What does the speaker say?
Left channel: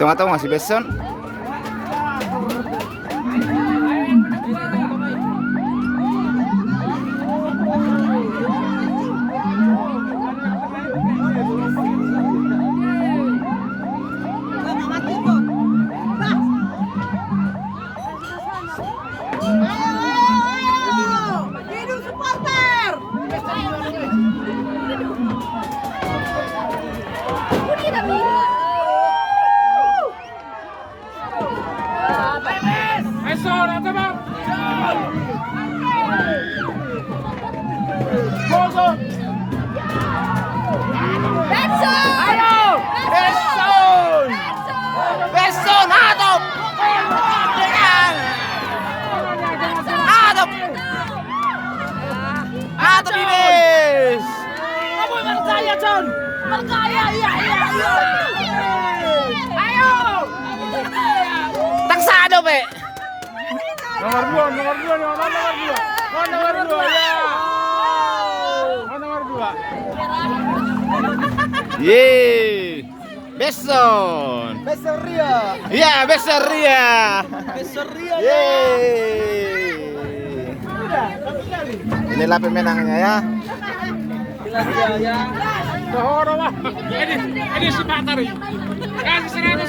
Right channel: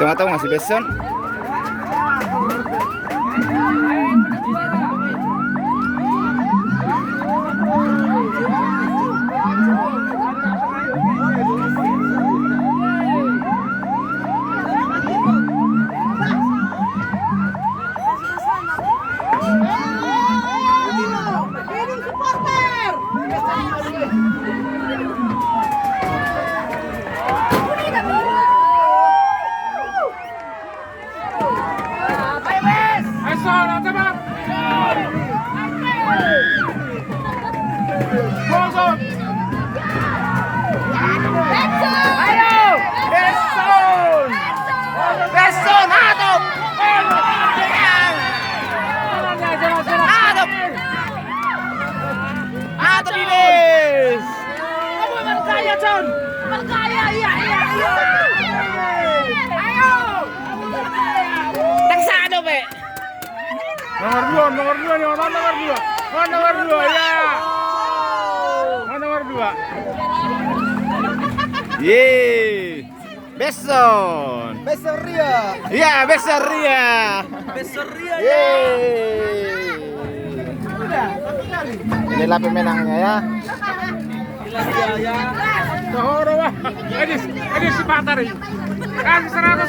Tengah-tengah masih Beson. Beson, hadap! Hadap! Hadap Ines! Taksado, Pe! Nomor 2 nih, nomor 2 ya. Nomor 2. Yeay! Beson! Beseria. Iya, Beseria! Beseria. Yeay! Inilah pemenangnya ya. Ini si Batari. Kasih 100.